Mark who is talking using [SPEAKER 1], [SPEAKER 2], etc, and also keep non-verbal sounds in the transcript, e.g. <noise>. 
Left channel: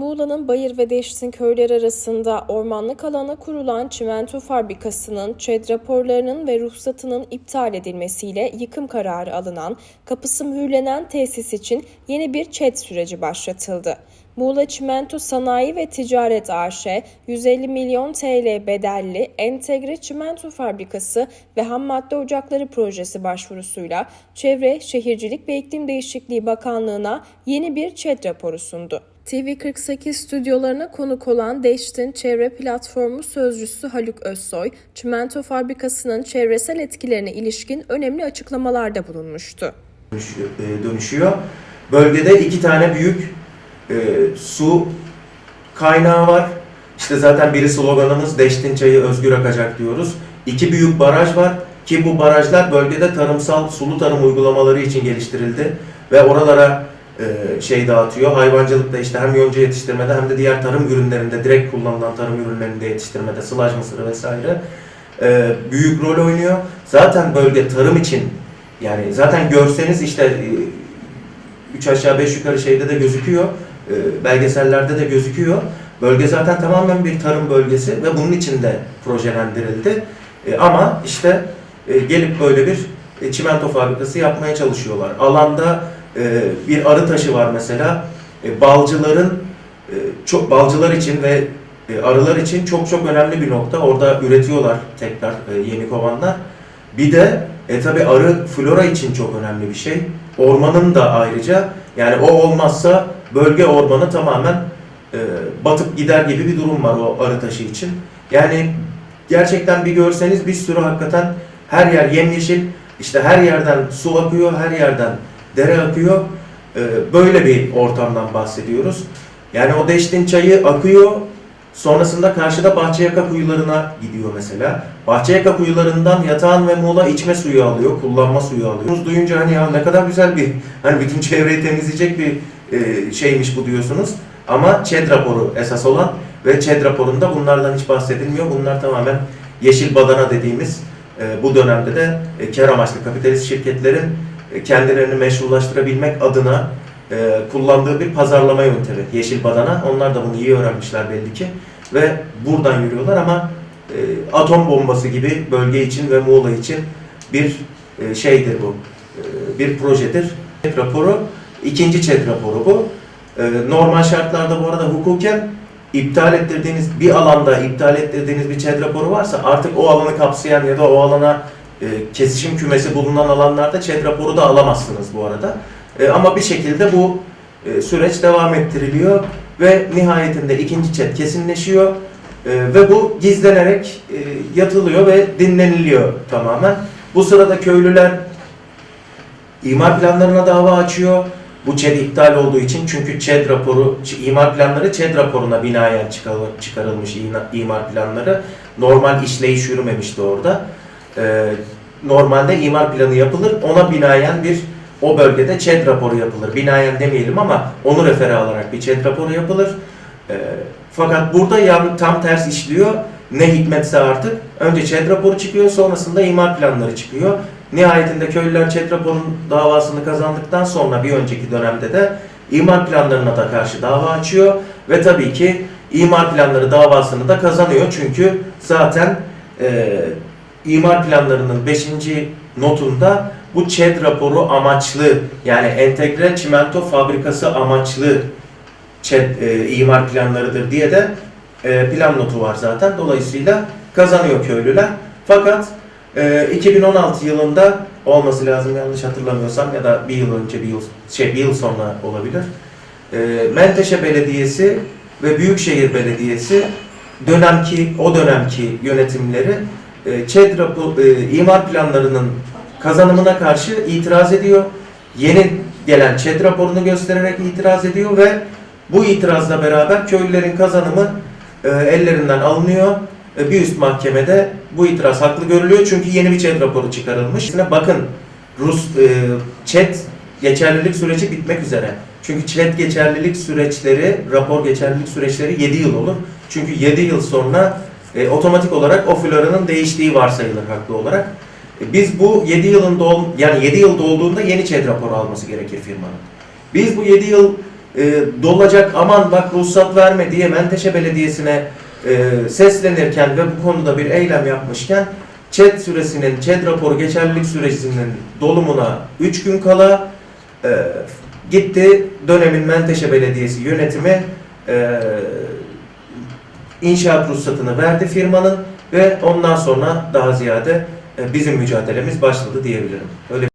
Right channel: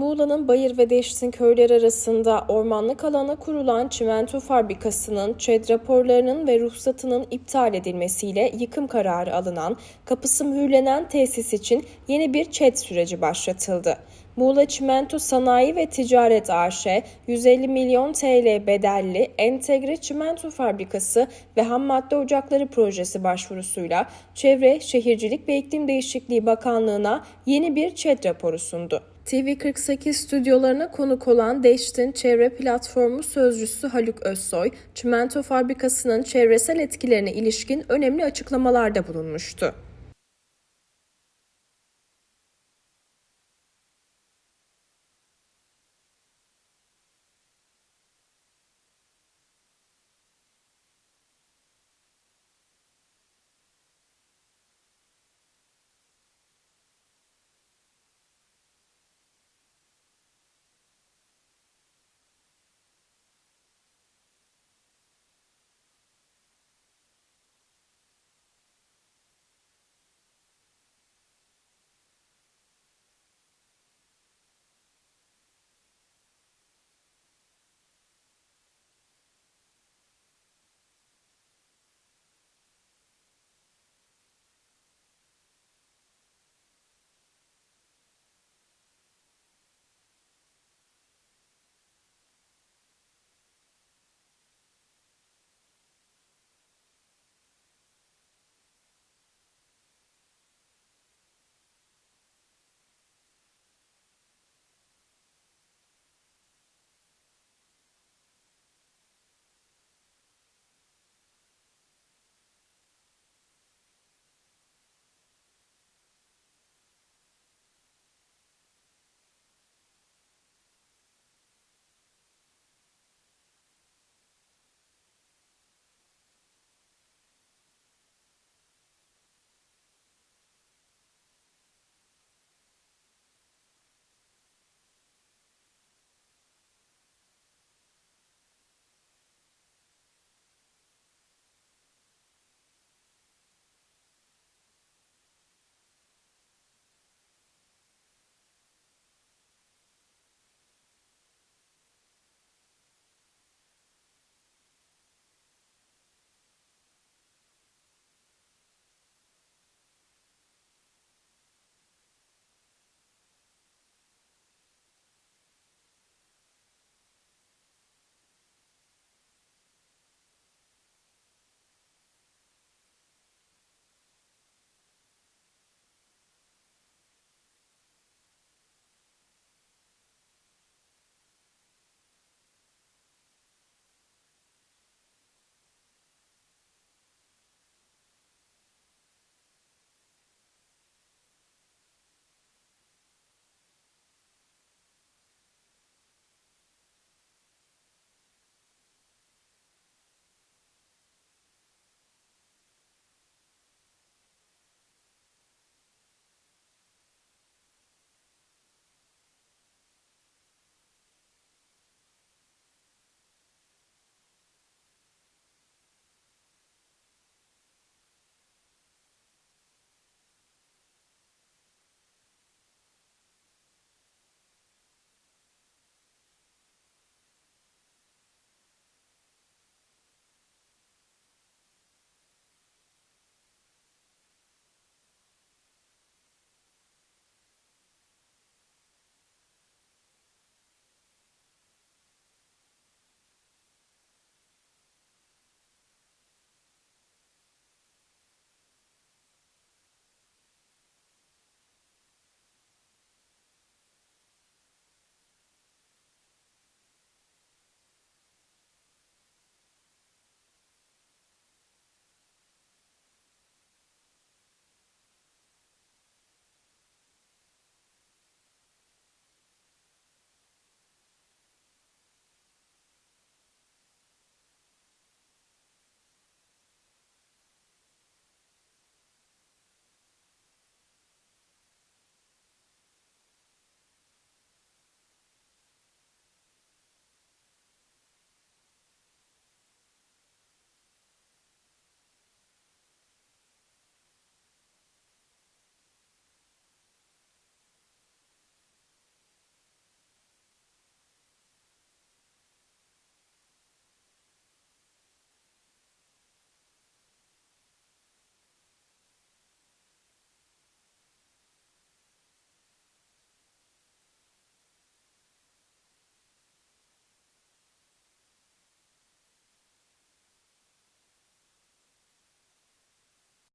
[SPEAKER 1] Muğla'nın Bayır ve Deştin köyleri arasında ormanlık alana kurulan çimento fabrikasının ÇED raporlarının ve ruhsatının iptal edilmesiyle yıkım kararı alınan, kapısı mühürlenen tesis için yeni bir ÇED süreci başlatıldı. Muğla Çimento Sanayi ve Ticaret AŞ 150 milyon TL bedelli entegre çimento fabrikası ve ham madde ocakları projesi başvurusuyla Çevre, Şehircilik ve İklim Değişikliği Bakanlığı'na yeni bir ÇED raporu sundu. TV48 stüdyolarına konuk olan Deştin Çevre Platformu Sözcüsü Haluk Özsoy, çimento fabrikasının çevresel etkilerine ilişkin önemli açıklamalarda bulunmuştu.
[SPEAKER 2] dönüş- e, dönüşüyor. Bölgede iki tane büyük e, su kaynağı var. İşte zaten biri sloganımız Deştin Çayı Özgür Akacak diyoruz. İki büyük baraj var ki bu barajlar bölgede tarımsal sulu tarım uygulamaları için geliştirildi ve oralara şey dağıtıyor. Hayvancılıkta işte hem yonca yetiştirmede hem de diğer tarım ürünlerinde direkt kullanılan tarım ürünlerinde yetiştirmede sılaj mısırı vesaire e, büyük rol oynuyor. Zaten bölge tarım için yani zaten görseniz işte e, üç aşağı beş yukarı şeyde de gözüküyor. e, Belgesellerde de gözüküyor. Bölge zaten tamamen bir tarım bölgesi ve bunun için de projelendirildi. E, Ama işte e, gelip böyle bir e, çimento fabrikası yapmaya çalışıyorlar. Alanda e, bir arı taşı var mesela. E, Balcıların çok balcılar için ve e, arılar için çok çok önemli bir nokta. Orada üretiyorlar tekrar e, yeni kovanlar. Bir de e tabi arı flora için çok önemli bir şey. Ormanın da ayrıca yani o olmazsa bölge ormanı tamamen e, batıp gider gibi bir durum var o arı taşı için. Yani gerçekten bir görseniz bir sürü hakikaten her yer yemyeşil. İşte her yerden su akıyor, her yerden dere akıyor. E, böyle bir ortamdan bahsediyoruz. Yani o Deştin çayı akıyor. Sonrasında karşıda Bahçeyaka kuyularına gidiyor mesela. Bahçeyaka kuyularından Yatağan ve Muğla içme suyu alıyor, kullanma suyu alıyor. Duyunca hani ya ne kadar güzel bir, <laughs> hani bütün çevreyi temizleyecek bir e, şeymiş bu diyorsunuz. Ama ÇED raporu esas olan ve ÇED raporunda bunlardan hiç bahsedilmiyor. Bunlar tamamen yeşil badana dediğimiz e, bu dönemde de e, kar amaçlı kapitalist şirketlerin kendilerini meşrulaştırabilmek adına e, kullandığı bir pazarlama yöntemi. Yeşil badana. Onlar da bunu iyi öğrenmişler belli ki. Ve buradan yürüyorlar ama e, atom bombası gibi bölge için ve Muğla için bir e, şeydir bu. E, bir projedir. ÇED raporu, ikinci ÇED raporu bu. E, normal şartlarda bu arada hukuken iptal ettirdiğiniz bir alanda iptal ettirdiğiniz bir ÇED raporu varsa artık o alanı kapsayan ya da o alana e, kesişim kümesi bulunan alanlarda ÇED raporu da alamazsınız bu arada. E, ama bir şekilde bu e, süreç devam ettiriliyor ve nihayetinde ikinci ÇED kesinleşiyor. Ve bu gizlenerek yatılıyor ve dinleniliyor tamamen. Bu sırada köylüler imar planlarına dava açıyor. Bu ÇED iptal olduğu için çünkü ÇED raporu, imar planları ÇED raporuna binaen çıkarıl- çıkarılmış imar planları. Normal işleyiş yürümemişti orada. Ee, normalde imar planı yapılır, ona binaen bir o bölgede ÇED raporu yapılır. Binaen demeyelim ama onu refere alarak bir ÇED raporu yapılır. Ee, fakat burada yan, tam ters işliyor. Ne hikmetse artık. Önce ÇED raporu çıkıyor, sonrasında imar planları çıkıyor. Nihayetinde köylüler ÇED raporunun davasını kazandıktan sonra bir önceki dönemde de imar planlarına da karşı dava açıyor. Ve tabii ki imar planları davasını da kazanıyor. Çünkü zaten e, imar planlarının 5. notunda bu ÇED raporu amaçlı yani entegre çimento fabrikası amaçlı ÇED e, imar planlarıdır diye de e, plan notu var zaten. Dolayısıyla kazanıyor köylüler. Fakat e, 2016 yılında olması lazım yanlış hatırlamıyorsam ya da bir yıl önce bir yıl şey bir yıl sonra olabilir. E, Menteşe Belediyesi ve Büyükşehir Belediyesi dönemki o dönemki yönetimleri e, ÇED rapo- e, imar planlarının kazanımına karşı itiraz ediyor. Yeni gelen ÇED raporunu göstererek itiraz ediyor ve bu itirazla beraber köylülerin kazanımı e, ellerinden alınıyor. E, bir üst mahkemede bu itiraz haklı görülüyor çünkü yeni bir ÇED raporu çıkarılmış. Bakın Rus e, ÇED geçerlilik süreci bitmek üzere. Çünkü ÇED geçerlilik süreçleri, rapor geçerlilik süreçleri 7 yıl olur. Çünkü 7 yıl sonra e, otomatik olarak o floranın değiştiği varsayılır haklı olarak. E, biz bu 7 yılın dol yani 7 yıl dolduğunda yeni ÇED raporu alması gerekir firmanın. Biz bu 7 yıl e, dolacak aman bak ruhsat verme diye Menteşe Belediyesi'ne e, seslenirken ve bu konuda bir eylem yapmışken ÇED süresinin, ÇED raporu geçerlilik süresinin dolumuna 3 gün kala e, gitti dönemin Menteşe Belediyesi yönetimi e, inşaat ruhsatını verdi firmanın ve ondan sonra daha ziyade e, bizim mücadelemiz başladı diyebilirim. Öyle